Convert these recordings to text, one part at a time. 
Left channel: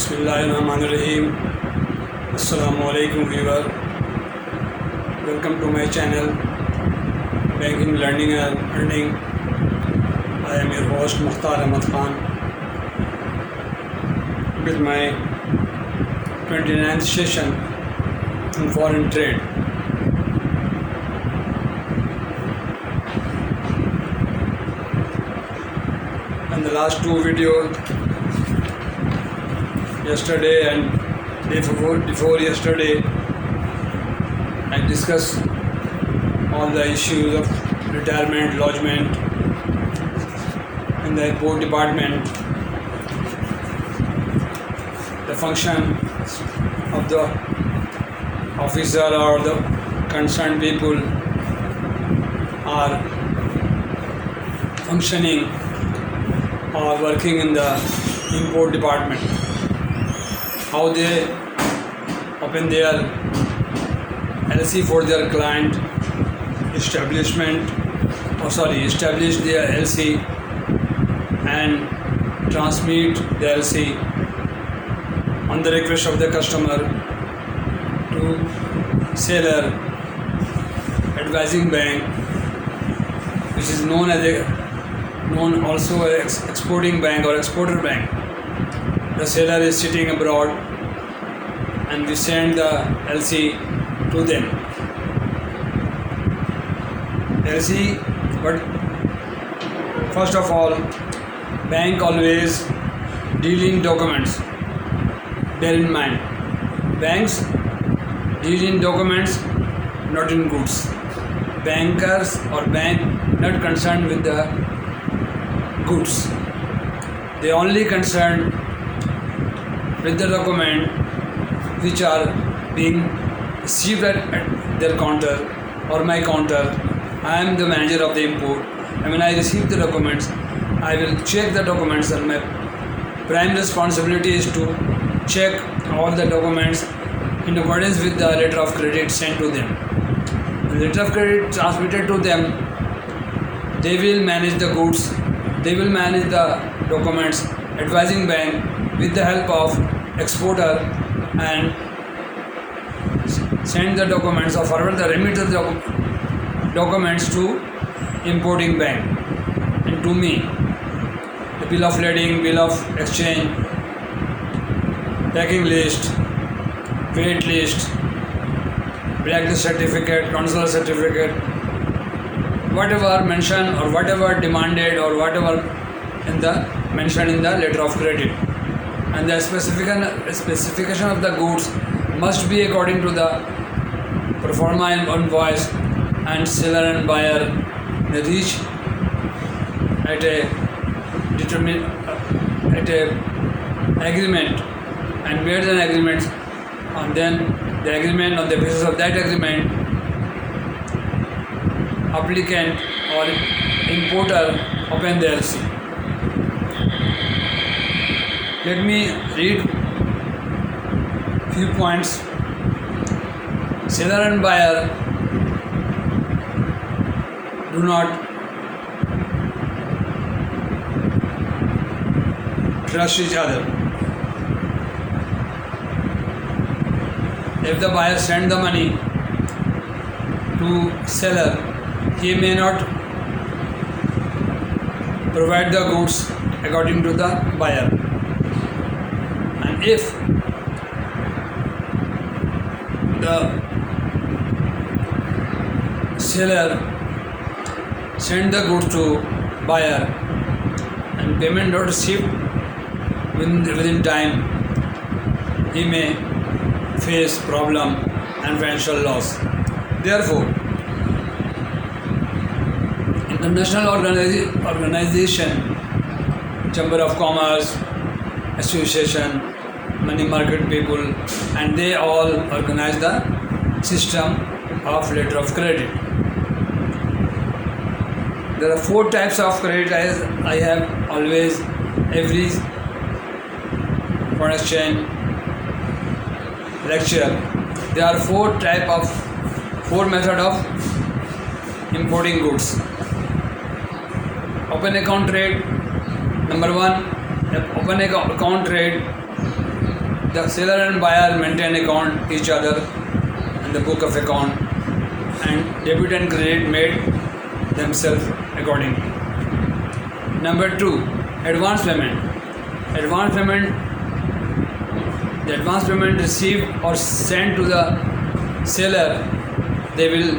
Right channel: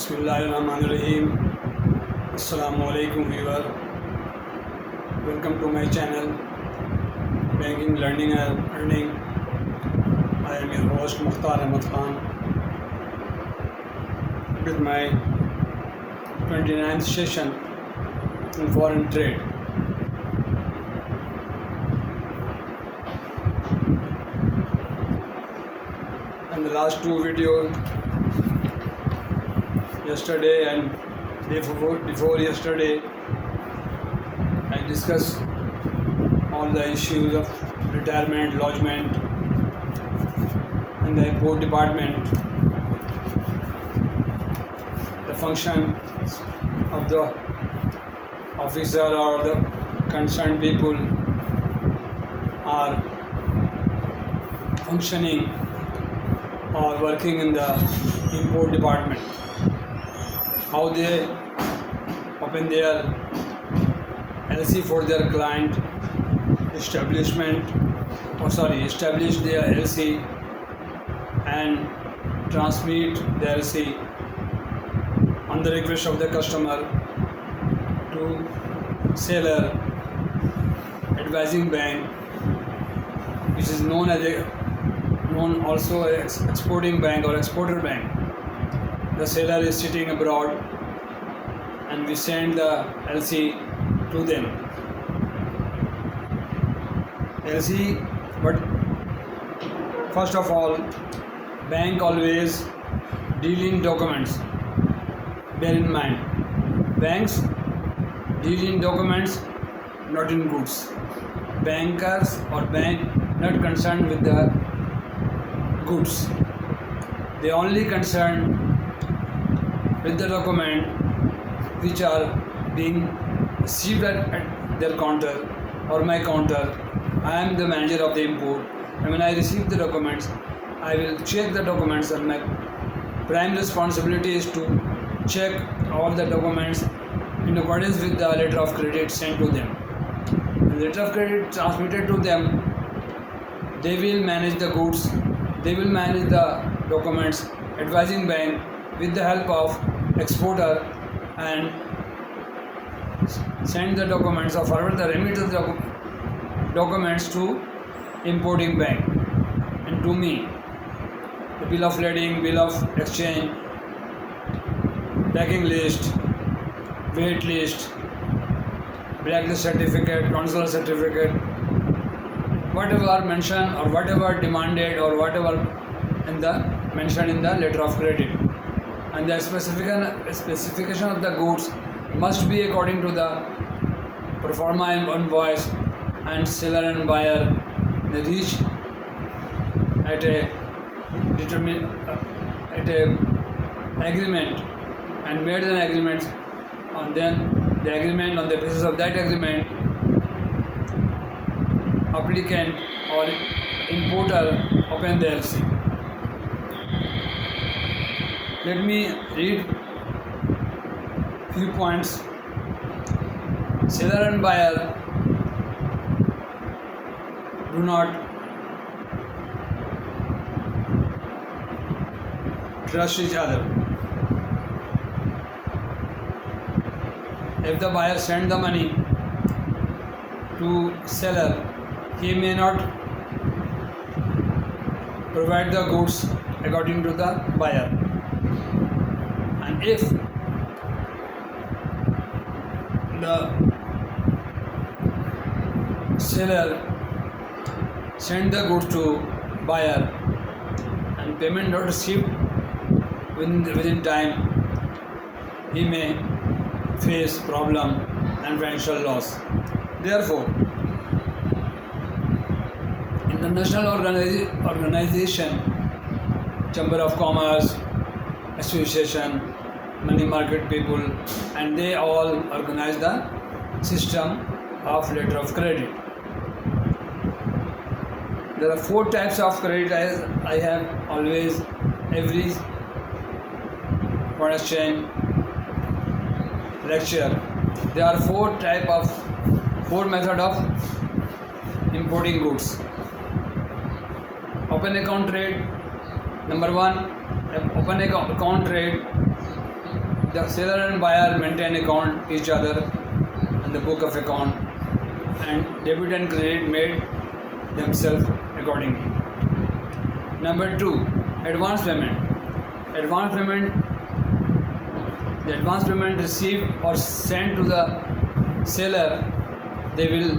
Bismillahirrahmanirrahim. Assalamu alaikum viewer. Welcome to my channel Banking, Learning and Earning. I am your host Mukhtar Ahmad Khan with my 29th session in foreign trade. In the last two videos, yesterday and day before yesterday, I discussed all the issues of retirement, lodgement in the airport department, the function of the officer or the concerned people are functioning or working in the import department, how they open their LLC for their client, establish their LLC and transmit the LLC on the request of the customer to seller, advising bank, which is known also as exporting bank or exporter bank. The seller is sitting abroad and we send the LC to them. LC, but first of all, bank always deal in documents. Bear in mind, banks deal in documents, not in goods. Bankers or bank not concerned with the goods. They only concerned with the document which are being received at their counter or my counter. I am the manager of the import, and when I receive the documents, I will check the documents, and my prime responsibility is to check all the documents in accordance with the letter of credit sent to them. The letter of credit transmitted to them, they will manage the goods, they will manage the documents, advising bank with the help of exporter and send the documents or forward the remittance documents to importing bank and to me. The bill of lading, bill of exchange, packing list, weight list, blacklist certificate, consular certificate, whatever mentioned or whatever demanded or whatever mentioned in the letter of credit. And the specification of the goods must be according to the pro forma invoice, and seller and buyer they reach at a agreement and made an agreement, and then the agreement, on the basis of that agreement, applicant or importer open the LC. Let me read few points. Seller and buyer do not trust each other. If the buyer sends the money to seller, he may not provide the goods according to the buyer. And if the seller send the goods to buyer and payment not received within time, he may face problem and financial loss. Therefore, international organization, Chamber of Commerce, Association, money market people, and they all organize the system of letter of credit. There are 4 types of credit, as I have always every foreign exchange lecture. There are 4 method of importing goods. Open account trade. Number 1, open account trade The seller and buyer maintain account each other in the book of account, and debit and credit made themselves accordingly. Number 2, advance payment. Advance payment, the advance payment received or sent to the seller, they will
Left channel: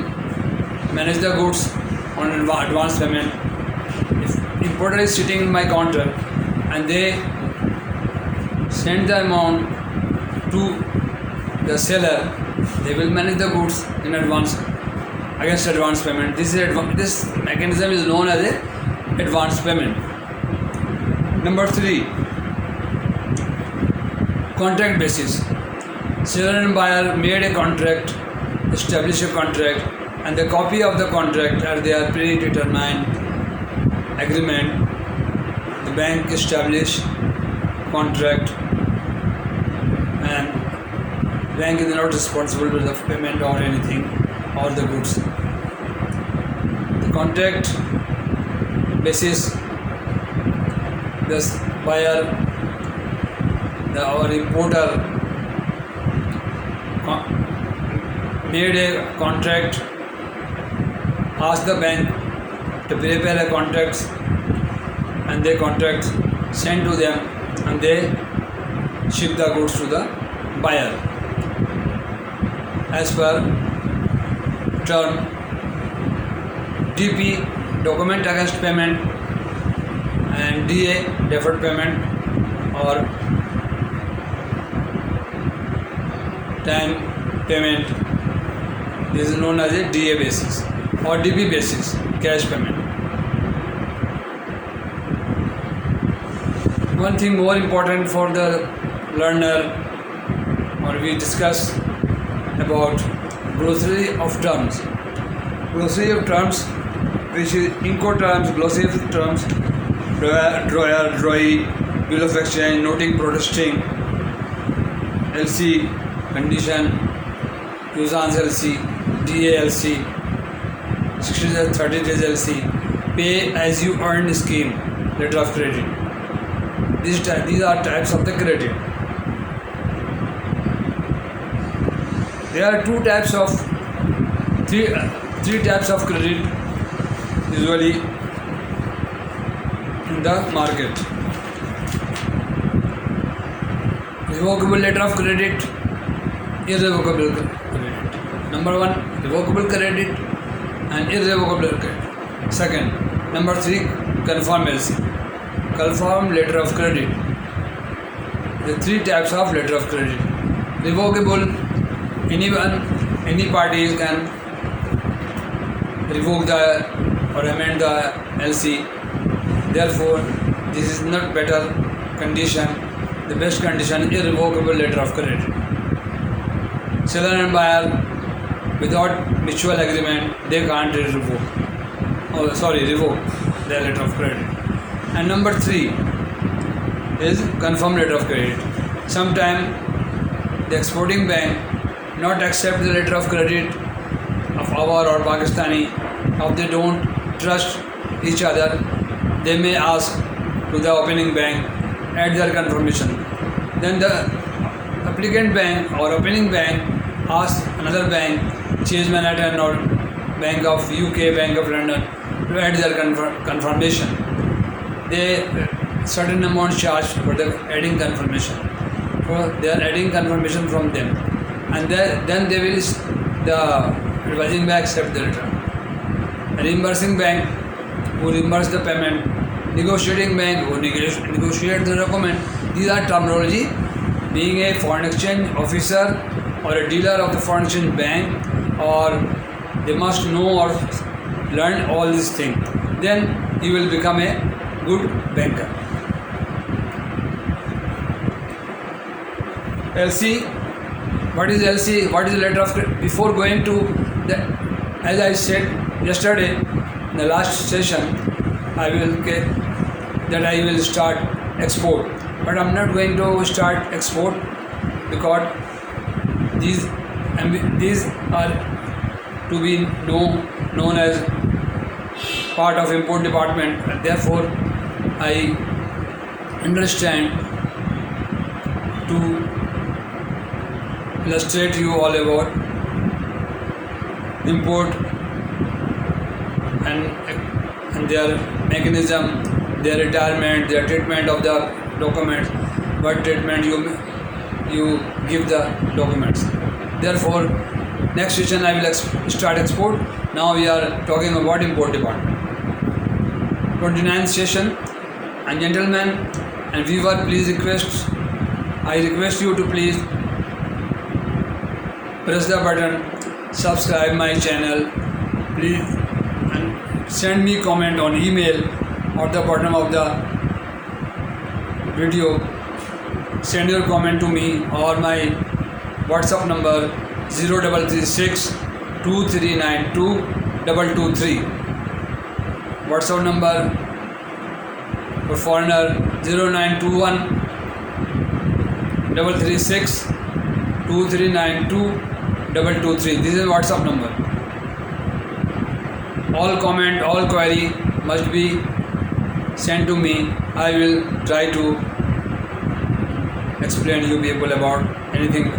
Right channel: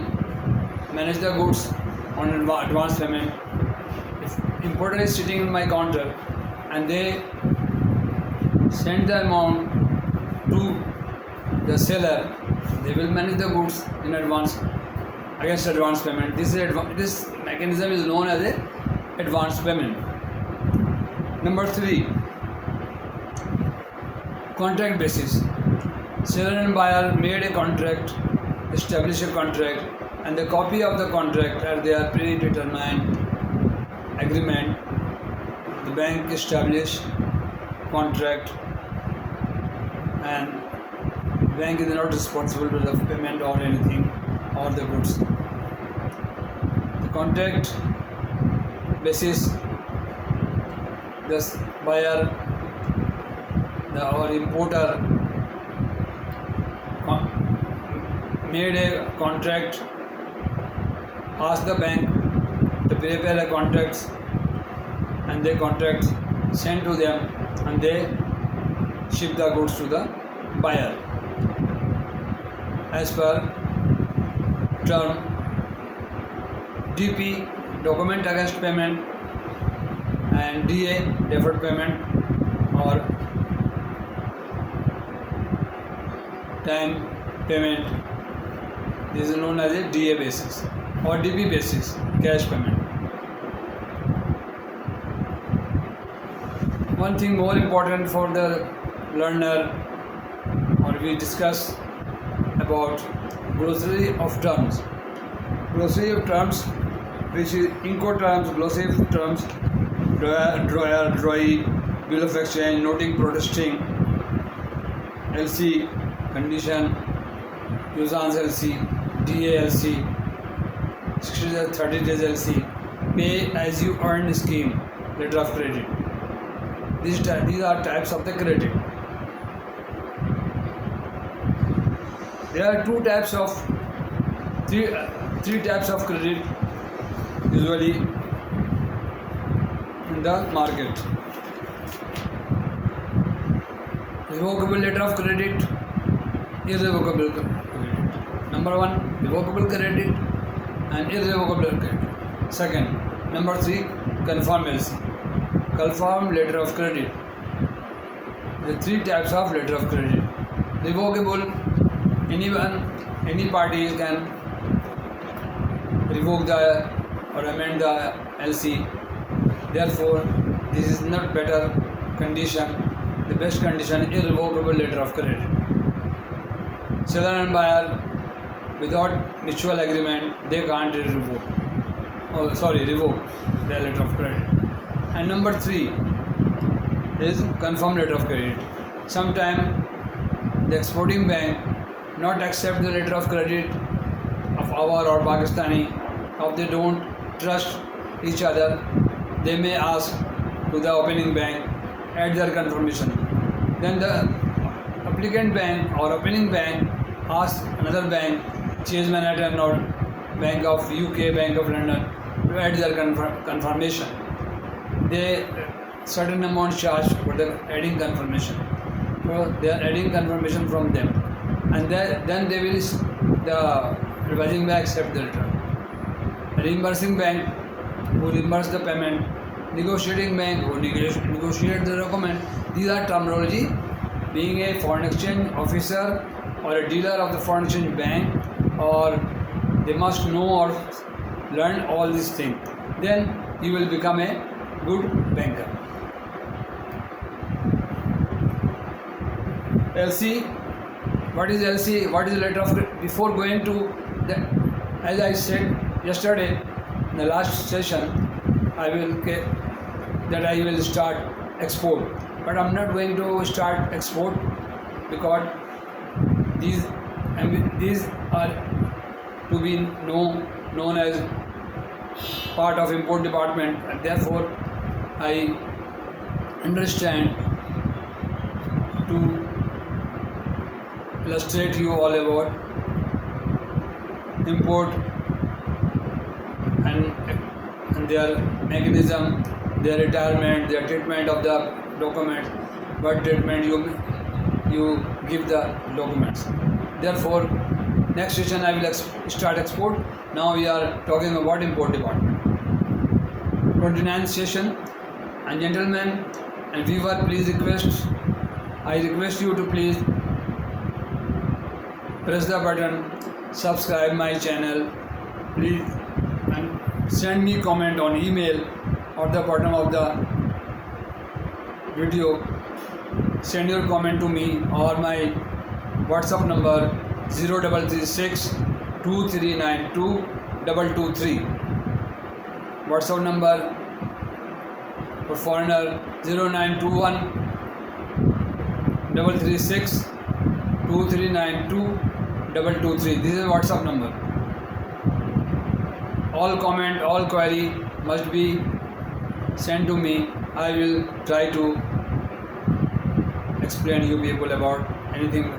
manage the goods on advance payment. If importer is sitting in my counter and they send the amount to the seller, they will manage the goods in advance against advance payment. This mechanism is known as a advance payment. Number 3, contract basis. Seller and buyer made a contract, established a contract, and the copy of the contract are their predetermined agreement. The bank established contract, and bank is not responsible for the payment or anything or the goods. The contract basis, the buyer, or importer made a contract, asked the bank to prepare a contract, and their contracts sent to them, and they ship the goods to the buyer as per term. DP, document against payment, and DA, deferred payment or time payment. This is known as a DA basis or DP basis, cash payment. One thing more important for the learner, or we discuss about glossary of terms. Glossary of terms, which is Incoterms, glossary of terms, drawer, drawee, bill of exchange, noting, protesting, LC, condition, usance LC, DALC, 60 days, 30 days LC, pay as you earn scheme, letter of credit. These are types of the credit. There are three types of credit usually in the market. Revocable letter of credit, irrevocable credit. Number 1, revocable credit and irrevocable credit. Second, number 3, confirm LC, confirm letter of credit. The 3 types of letter of credit. Revocable, any party can revoke the or amend the LC. Therefore, this is not better condition. The best condition, irrevocable letter of credit. Seller and buyer, without mutual agreement, they can't revoke the letter of credit. And number 3 is confirm letter of credit. Sometimes the exporting bank not accept the letter of credit of our or Pakistani, if they don't trust each other, they may ask to the opening bank, add their confirmation. Then the applicant bank or opening bank asks another bank, Chase Manhattan or Bank of UK, Bank of London, to add their confirmation. They certain amount charged for the adding confirmation. So they are adding confirmation from them, and then they will the revising bank accept the letter. Reimbursing bank who reimburse the payment, negotiating bank who negotiate the document. These are terminology. Being a foreign exchange officer or a dealer of the foreign exchange bank, or they must know or learn all these things. Then you will become a good banker. LC. What is LC? What is the letter of credit? Before going to the, as I said yesterday in the last session, I will start export, but I'm not going to start export because these are to be known as part of import department. Therefore, I understand to illustrate you all about import and their mechanism, their retirement, their treatment of the documents, what treatment you give the documents. Therefore, next session I will start export. Now we are talking about import department. 29th session. And gentlemen and viewer, I request you to please press the button, subscribe my channel, please, and send me comment on email at the bottom of the video. Send your comment to me or my WhatsApp number 0336 2392 223. WhatsApp number for foreigner 0921 336 2392 223. This is WhatsApp number. All comment, all query must be sent to me. I will try to explain you people about anything.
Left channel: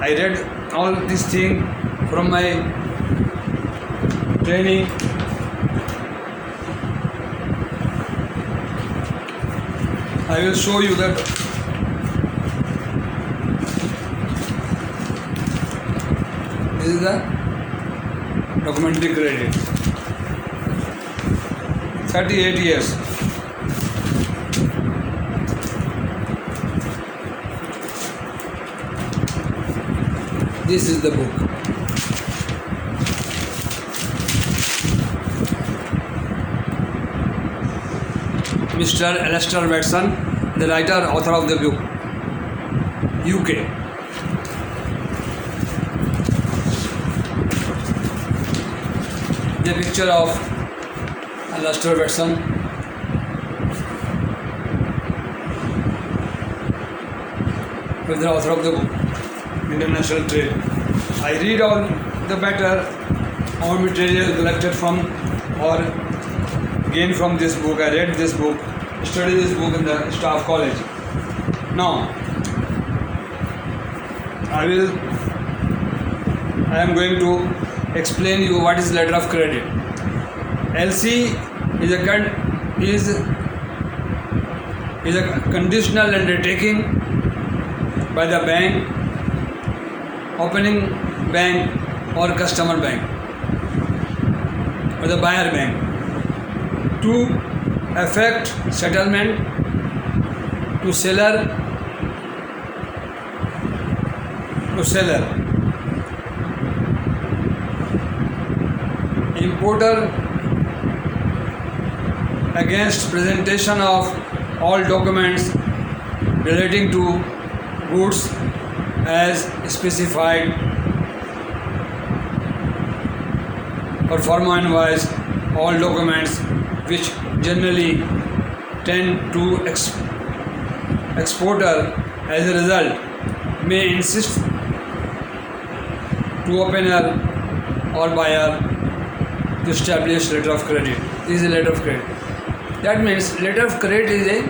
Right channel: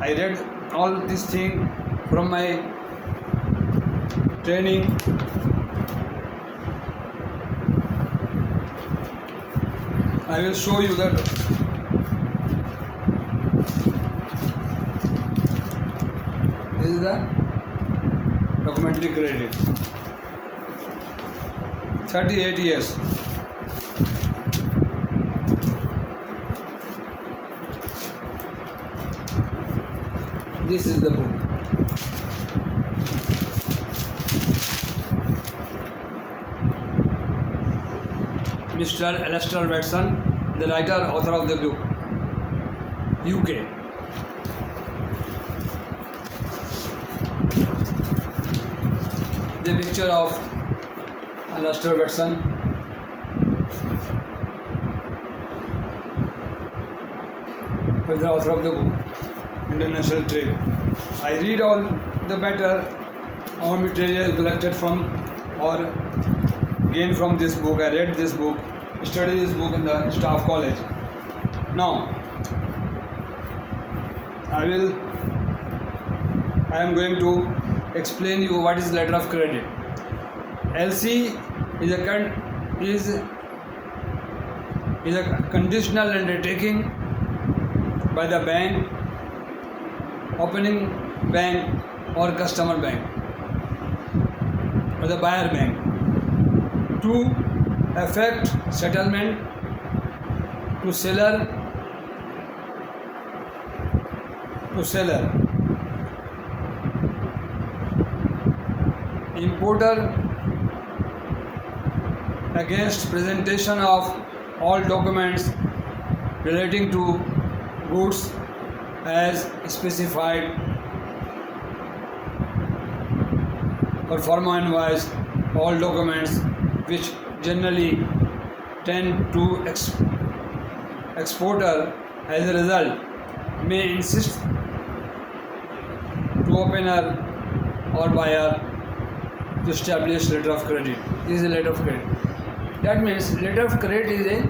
I read all this thing from my training. I will show you that this is the documentary credit. 38 years. This is the book. Mr. Alistair Watson, the writer, author of the book, UK. The picture of Alistair Watson. With the author of the book, International Trade. I read all the better our material collected from or gained from this book. I read this book, studied this book in the staff college. Now, I am going to explain you what is letter of credit. LC is a conditional undertaking by the bank, opening bank or customer bank or the buyer bank to effect settlement to seller importer against presentation of all documents relating to goods as specified or forma invoice, all documents which generally tend to exporter as a result may insist to opener or buyer to establish letter of credit. This is a letter of credit. That means letter of credit is a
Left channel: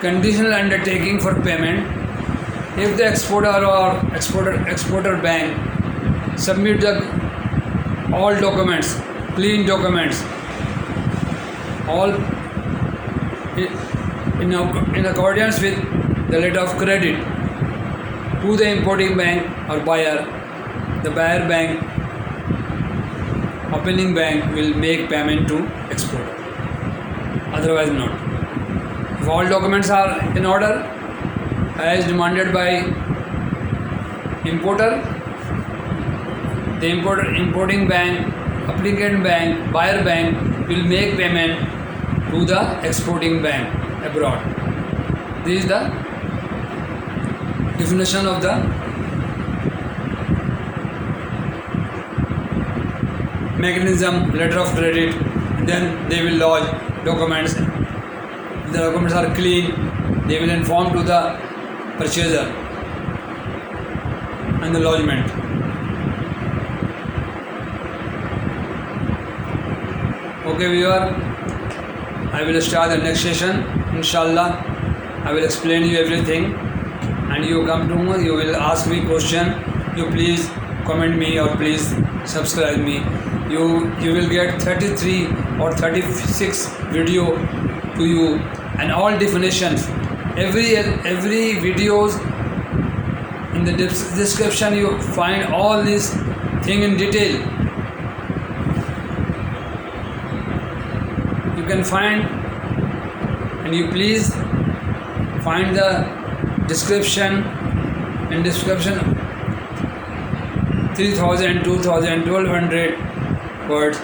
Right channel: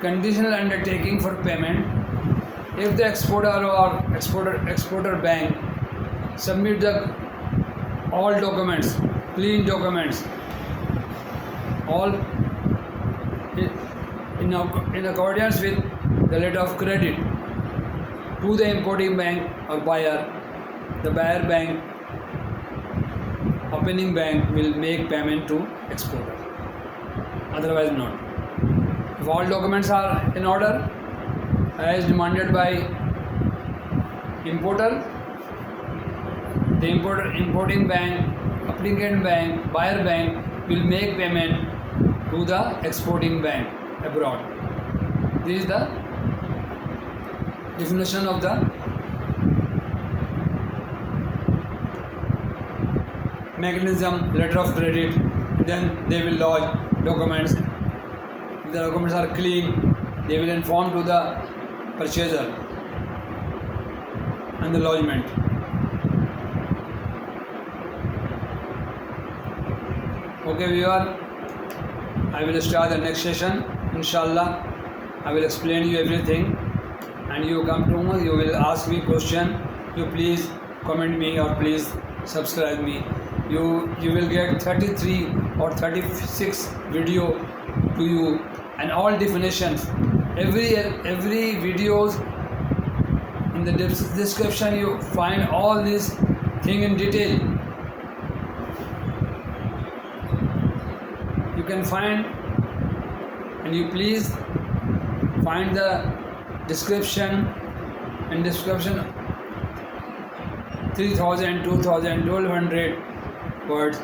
conditional undertaking for payment if the exporter or exporter bank submit the all documents, clean documents, all in accordance with the letter of credit to the importing bank or buyer. The buyer bank, opening bank will make payment to exporter, otherwise not. If all documents are in order as demanded by importer, the importing bank, applicant bank, buyer bank will make payment to the exporting bank abroad. This is the definition of the mechanism, letter of credit. Then they will lodge documents. If the documents are clean, they will inform to the purchaser and the lodgement. Okay viewer, I will start the next session. Inshallah, I will explain you everything and you come to me, you will ask me question, you please comment me or please subscribe me. You will get 33 or 36 video to you and all definitions. Every videos in the description you find all this thing in detail. You can find, and you please find the description. In description 3000, 2000, 1200 words.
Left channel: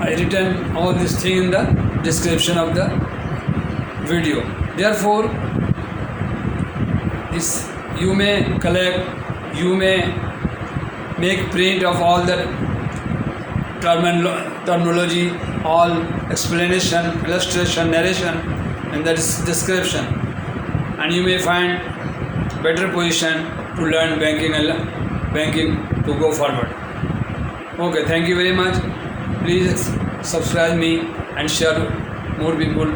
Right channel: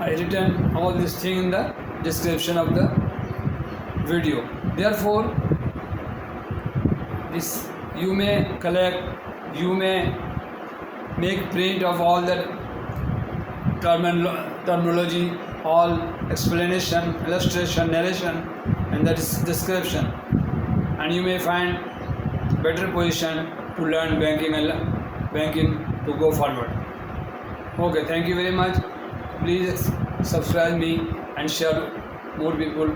I written all this thing in the description of the video. Therefore, this you may collect, you may make print of all the terminology, all explanation, illustration, narration in the description, and you may find better position to learn banking to go forward. Okay, thank you very much. Please subscribe me and share more people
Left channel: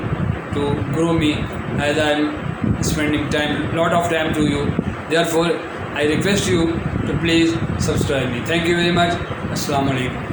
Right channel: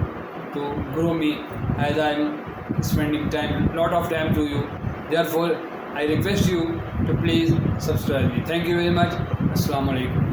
to grow me, as I am spending lot of time to you. Therefore, I request you to please subscribe me. Thank you very much. Assalamu alaikum.